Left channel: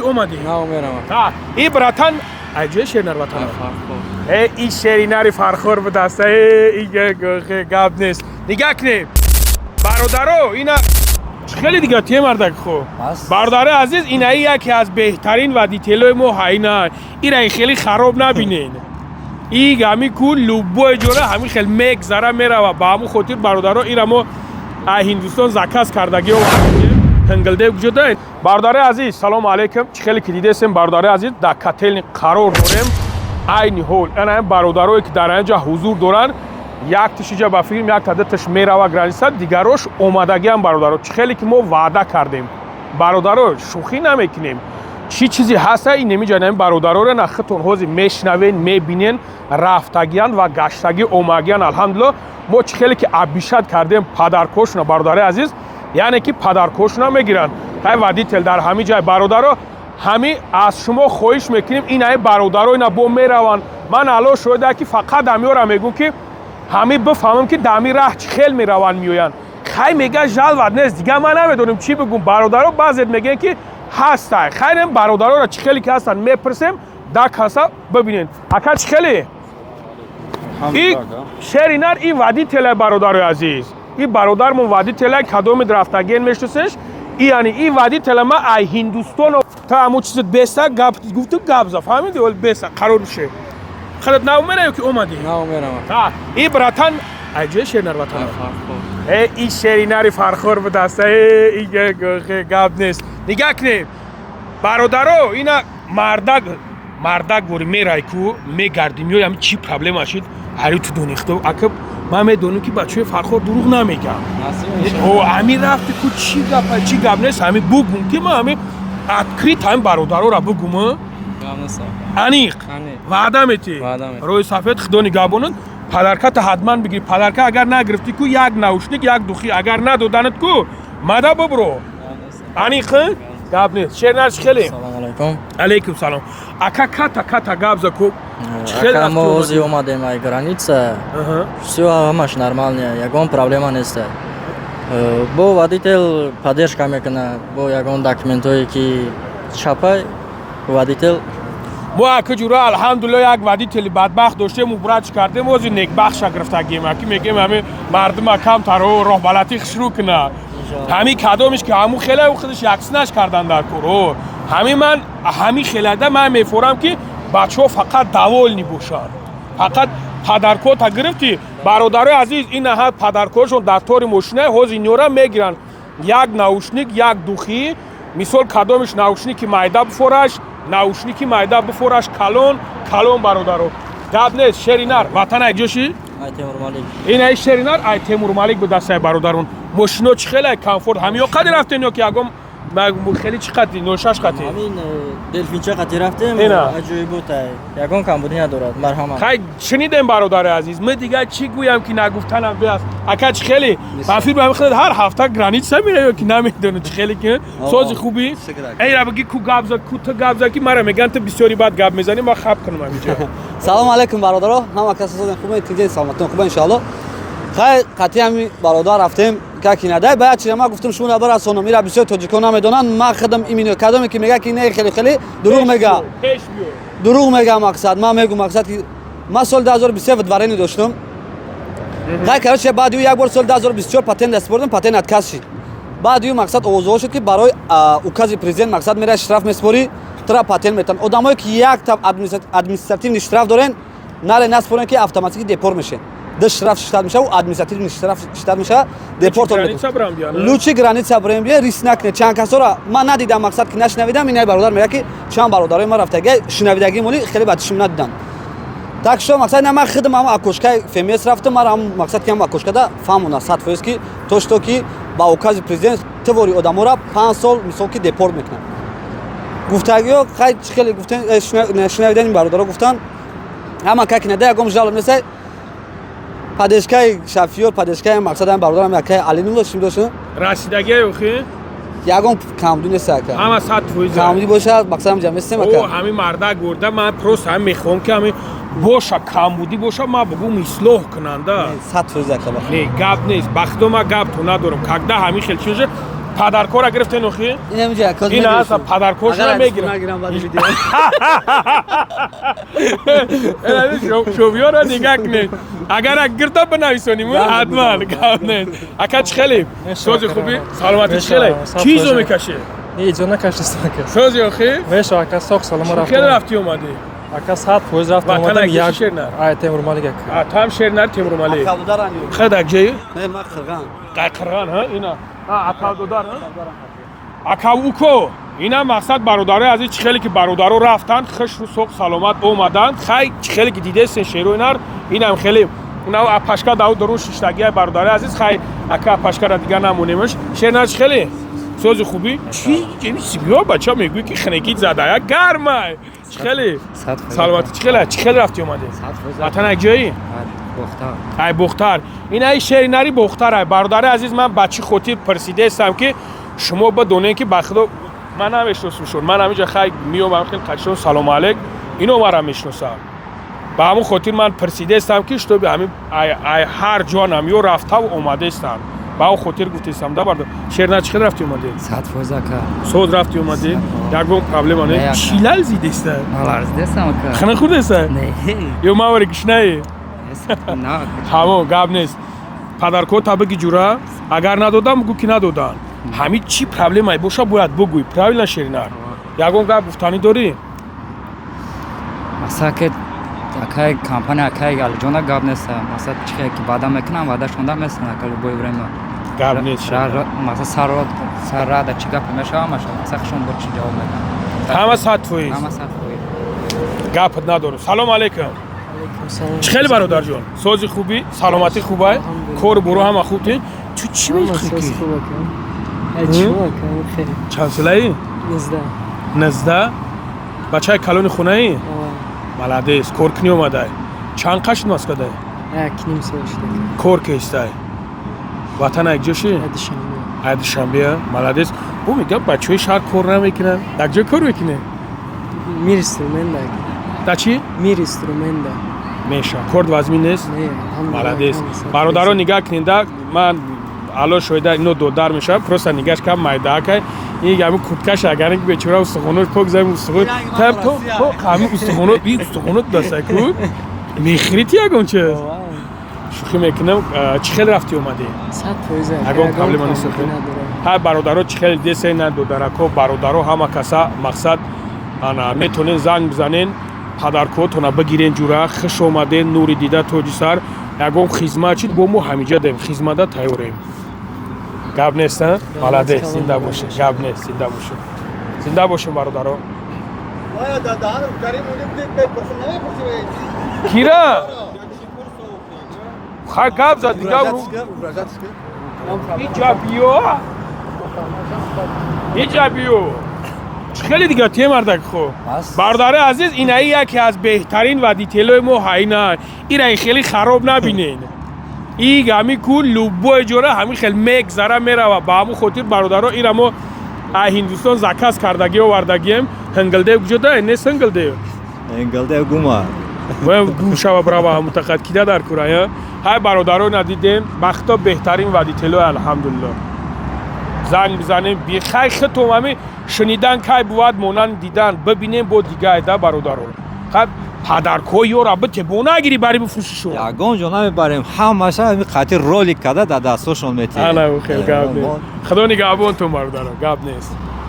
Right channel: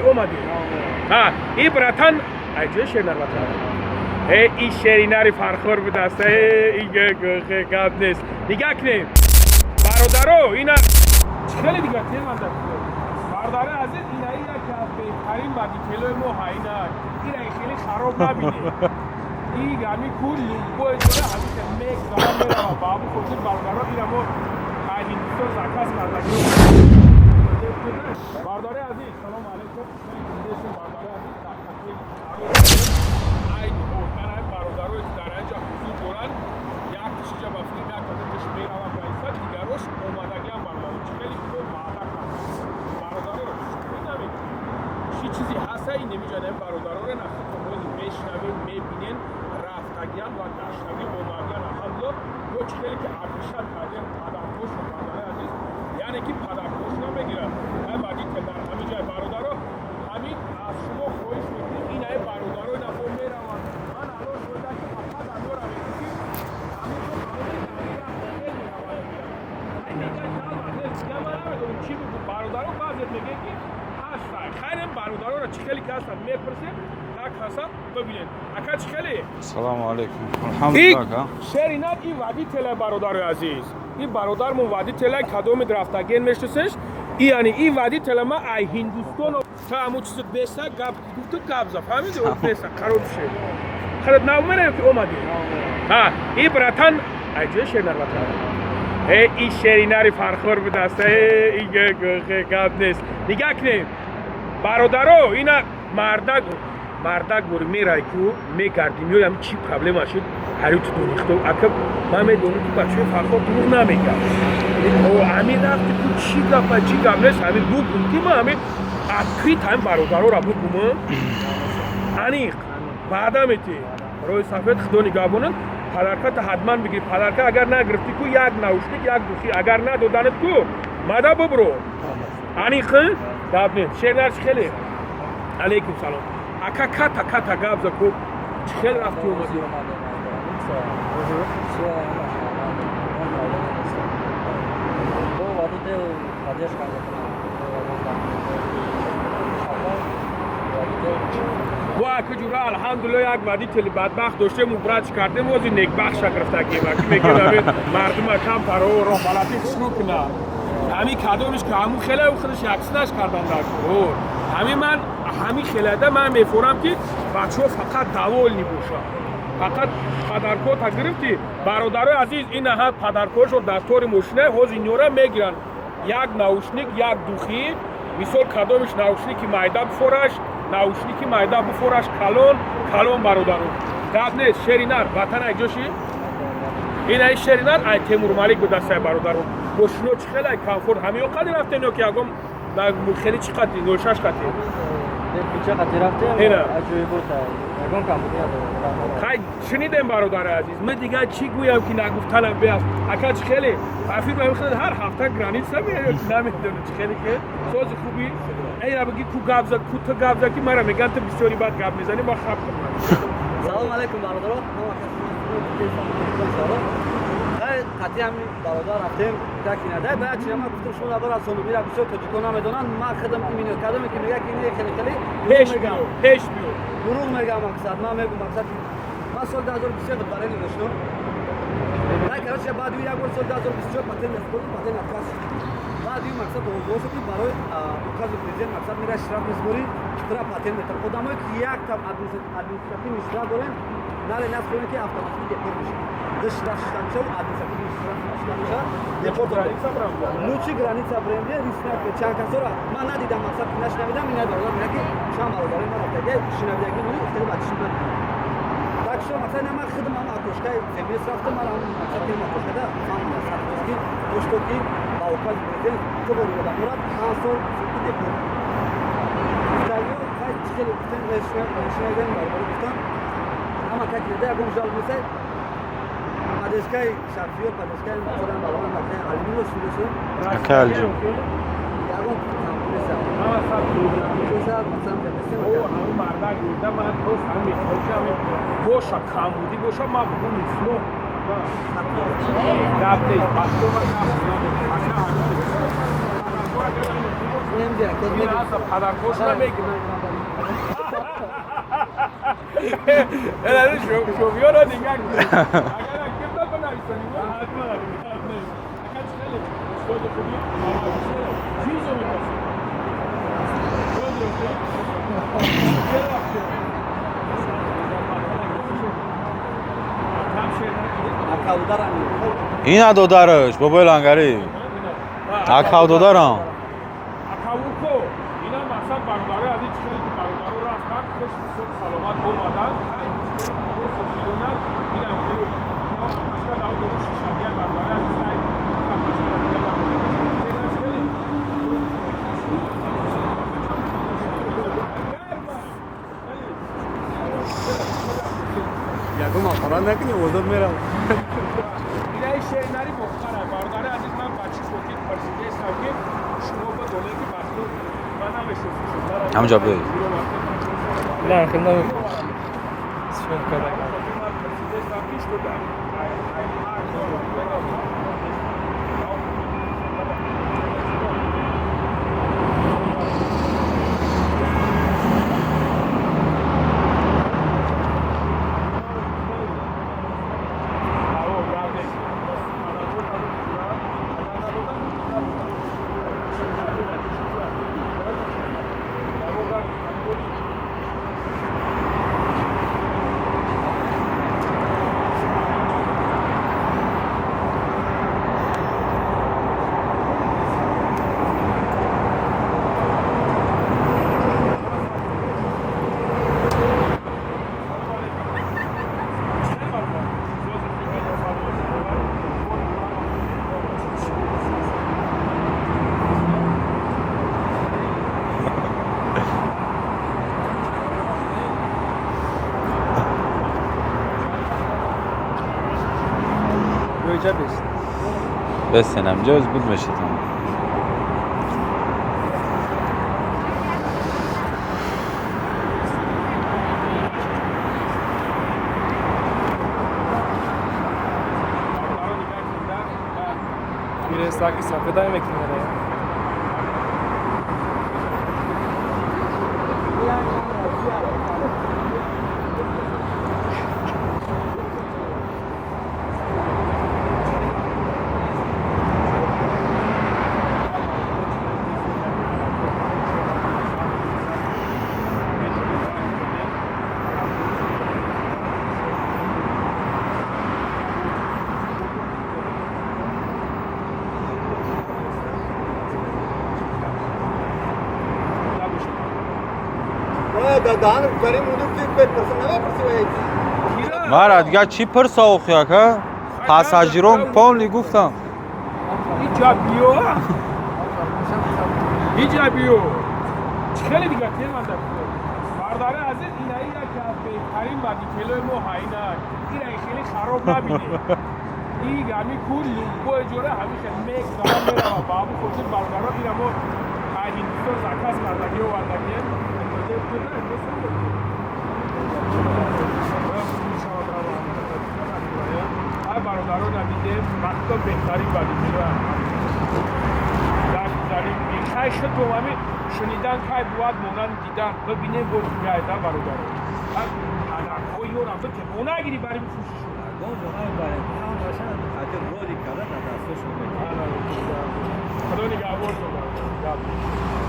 که اومدی؟ نه میرم. ها این براتن اجازه شیرینر وطن. این شیرینری فرخور به دسته این گاب نیست. نگاه کنید. برادرو اینا خیلی دیگه تیم مردک خو. برادر عزیز اینا یکی از بهترین و دیتیلای ما هاینا. این خیلی خراب نبینید. این همی کول لوبو جوره همی خیلی میگذره میره و با همون خاطر برادرها این ما هندوستان زکاس کردگی و هنگلده وجود دارد. برادر عزیز سلام علیکم. چه خیلی که دیده سیم برادر عزیز در کتل قرار داریم. این هول اینا برادرایی که در اینجا حضور دارن یک تیشیجا با فیلم یک تعدادش میره و گرانیست دیگروش اومدگی هم برادرها چه خیلی که ما وعده کردیم برادرها شوخی نمیکنیم چی چیزی هست این نمیجانیم برادرها رو نختون حوزی میشنوین میبینین رفتگیان و گشتگی اومگیان الحمدلله ما چه خیلی که ابیشت کردیم پدرکشنا برادر عزیز یعنی که پدرکشنا میگیرن های ودی تل در همین جای برادرها همین از شما خواهش میکنیم این های برادرها اینا با میروان من الان شده که فقط امیورم میگم که همه بفهمم که دمی راه خیلی میروان میوین خیلی میگه جلوت نیست دیگه من نمیدونم چی بگم برادرها بعضی میگن که هستن خیلی برادرها را چه خیلی که هستن میپرسیم دک هستا ببینین اکا چه خیلی سلام علیکم این شیرینر این وادی تله برادر عزیز این برادر من وادی تله کدوم درفتگین میشتسش یعنی این وادی تله ما ای هندوستان تا همون چیز بیسته گفتم گابزا فهمیدی ولی بیسته قرار بشه خلط نمیره که اومدی میرم. این براتن اجازه شیرینر وطن این شیرینری فرخور به دسته این گاب نیست نگاه کنید برادرو اینا مردک بوری میرای کو میگردی میای هم چی پرابلم هاشید هری تو دونیخته اکب من میدونم که بچه فرخور دروغ نمیگه او همین رفته کو چی گاب نیست همین بگم که من همین اکریت هم برادرو را بگم انیق وعده میتی روی صفحه خدا نگاه بونن پدرکت حتما بگیری پدرکت اگر نگرفتی کو یک نوشنیک یک دوخی اگر ندادنت کو مده ببرو انیق گاب نیست شیرینر خیلی سلام علیکم. علیکم سلام اکا کتا گابزا کو Ака мо ози омадем ай граница. Всё ҳамаш нормалне, ягон проблема нест. Бо водител поддержка мекуна, бо ягон документое ки чапай водител ما اکا جورا الحمدلله یک ودیتلی بدبخت داشته مبرد کردیم وزی نیک بخش گرفتگیم اکی میگیم همه مردم کم ترو راه بلدی خشرو کنه همین کدامش که همون خیلی او خودش یکسنش کردن در کور همین خیلی ده من میفورم که بچه ها فقط دوال نبوشن فقط پدرکوت گرفتی برادر عزیز این نهاد پدرکوتشون دفتر ماشینه حوزی نیوره میگیرن یک نوشنیک یک دوخی مثال کدامش نوشنیکی مایده بفورش نوشنیکی مایده بفورش کلون برادرو داد نیست شیرینر وطن اجاشی این ای شیرینر ای تیمور مالک به دسته برادرون ماشینو چه خیلی کامفورت همین قدر رفتین یا که یکم خیلی چی قطعی نوشش قطعی همین دلفینچه قطعی رفتیم اجوی بوده یکون کم بودی ندارد مرحمت خیلی شنیدیم برادر عزیز من دیگه چی گویم که نگفتنم بیاد اکا چه خیلی مفیر به خیلی هر هفته گرانیت میره یا که نمیدونه چه خیلی که سوز خوبی ای را بگی کو گابزا که مرا میگن تو بسیاری بعد گاب میزنی ما خب کنم سلام علیکم برادرها همه کسی خوبه دیگه سلامتون خوبه ان شاء الله خیلی قطعی هم برادر رفتیم که نده باید چیزی ما گفتم شما نبر از سونو میره بسیار تاجیکان نمیدونن ما خدم ایمینو کدومی که میگه که نه خیلی دروغ میگه مقصد ما میگم مقصد که ما سال 2023 ودوارینی داشتم خیلی کارش بعد یک بار سال 2024 پاتنت دست بردم پاتنت اتکاس شد بعد یه مقصد اوضاع شد که برای اوکازی پرزیدنت مقصد میره اشتراف میسپاری ترا پاتنت میتن آدمایی که یک تا ادمنستراتیو اشتراف دارن نره نسپارن که اتوماتیک دیپور میشه اشتراف شتاد میشه و ادمنستراتیو اشتراف شتاد میشه دیپورت لوچی گرانیتسا بریم بیا ریس نکنه چند کسا را من ندیدم مقصد که نشنویدم این برادر میگه که چند برادرای ما رفتگی شنویدگی مولی خیلی بعدشون ندیدن так что مقصد ما خدم هم اکوشکای فیمیس رفتم ما هم مقصد که هم اکوشکا فهمونا 100% که تو که با اوکازی پرزیدنت توری آدمو را 5 سال مثلا که دیپورت میکنه گفتگی خیلی گفتن شنویدن این برادرها گفتن همه که نده یکم جالب نیست پادشکای شفیور پادشکای مقصد هم برادرم یکی علینو داشتیم راستی اوکی یکم کم دونه ساکه اما صد فویزه کاملی باشه مقصدم جمع استم او همین مردا گورده من پروس هم میخوام که همین باشه کم بودی باشه ما بگم اصلاح کننده 100% کلا نه گاب نیست بخت ما گاب تو ندارم کاغدا همین خیلی چیزه پدرکور گرفتین اخی؟ این همینجا کاز این اصلا پدرکوش رو میگیرم شویو رو نگاه کنید اگر گرتا بنویسونیم حتما گفت نه اکا چه خیلی؟ سوزی خوبی؟ سلامتی چه خیلی؟ چیزو میکشی؟ هیچ نکشیستم که سوزی اخی؟ ویش آکا ساق سلام رفت خیلی رفتی اومدی؟ آکا ساعت پوز رفت وطن اومدم اگه یک شیرنر آیت تیمور مالیک تو هم شیرنر تیمور مالی خیلی اگه اینا دو دارش گوبل انگاری اینا اکاو دو دارم اکاوکو اینا مقصد برادرای از این خیلی که برادرو رفتن خوش رو سوق سلامت اومدن خیلی که دیده سه شیرو اینار اینم خیلی اونا اپاشکا داو درو ششتگی برادرای عزیز خیلی اکا اپاشکا را دیگه نمونیمش شیرنر خیلی سوز خوبی چی بیا بچا میگوی که خنگیت زده یک گرمه خیلی سلامتی خیلی رفتی اومدی وطن اگجایی ای بختر این ای شیرینری بختر ای برادر عزیز من بچی خودی پرسیده استم که شما با دونه که بخدا من هم اشناسمشون من همینجا خیلی میومم خیلی قشنگ سلام علیک اینو مرا میشناسم با همون خاطر من پرسیده استم که شتو به همین هر جانم یو رفته و اومده استم با اون خاطر گفتم دا برد شیرینر چه رفتی اومدی ساعت فوزا کار سود رفتی اومدی یگون پرابلم نه چیلال زیده است دستم خنه خود است یو ما ور گشنای نه همو گاب نیست پدرکو تابگی جورا اگر ندادم گو کی ندادم همین چی پرابلم ای باشه باید بگوی پرابلم شیرینر یگون گاب گفتنی داری ساکت اکای کمپانی اکای گال جونا گاب نیست مثلا چه که بعدا میکنم بعدا شوندا مثلا کار ببرم گاب نیست شهر مثلا سر را چه گپ میشه مثلا شون باشه همه ساعت توی گپ نداره سلام علیکم چه خیلی برادر جان سوزی خوبی سلامتی خوبه کور برو هم خوبی تو چی میگی چند ساله ای 19 بچه کلون خونه ای بلده کورکنی اومده چند قش ناس کده کور که استه وطن اگجاشی عید شنبه بلده بو میگه بچه های شهر کور نمیکنه در جای کور میکنه در چی؟ میشه کرد وزمین نیست؟ بلده برادران نگاه کنید من حالا شویده اینو دودار میشه پروسا نگاش کم مایده که این همین کوبکش اگر اینکه بچه‌ها استخونو کوک زمین استخون تو همین استخونو دسته کو میخریتی اگون چه شوخی میکنم چه خیلی رفتی اومدی اگون پرابلم نیست ها برادرها چه خیلی دیسه نه دودارکو برادرها همه کسا مقصد انا میتونین زنگ بزنین پدرکوتون بگیرین جورا خوش اومدین نور دیده توجی سر یگون خدمت چید با مو همینجا داریم خدمت تایوریم گاب نیست مالده زنده باشه گاب نیست زنده باشه برادرها دادان داریم اونو پیت پرسن نمی‌پرسید کیرا آره دیگه چی پرسا اوخیا که پاساژیرو کلی گفتم ایجابیو خیلی دیگه تیم مردک خوب برادر عزیز اینایی یکی از بهترین و دیتیلوی مو هاینا این خیلی خراب نبینید این همی کول لوبو جوره همی خیلی مگذره میره و با همون خاطر برادرها این همو هندوستان زکاس کردگی و وردگیم هنگلده بجده نیست هنگلده گوما و گوشه و برای متقد کیده در کره های برادرها ندیدیم بختا بهترین و دیتیلوی الحمدلله زنگ بزنیم بیخی خطو همی شنیدن که بود مونن دیدن ببینیم با دیگه ایده برادران خب پدرکوی یا رابطه بونه اگری بری بفروشی شو یگون جونا میبریم همشه همین خاطر رولی کده در دستاشون میتیم خیلی گاب نیست خدا نگهبان تو برادران گاب نیست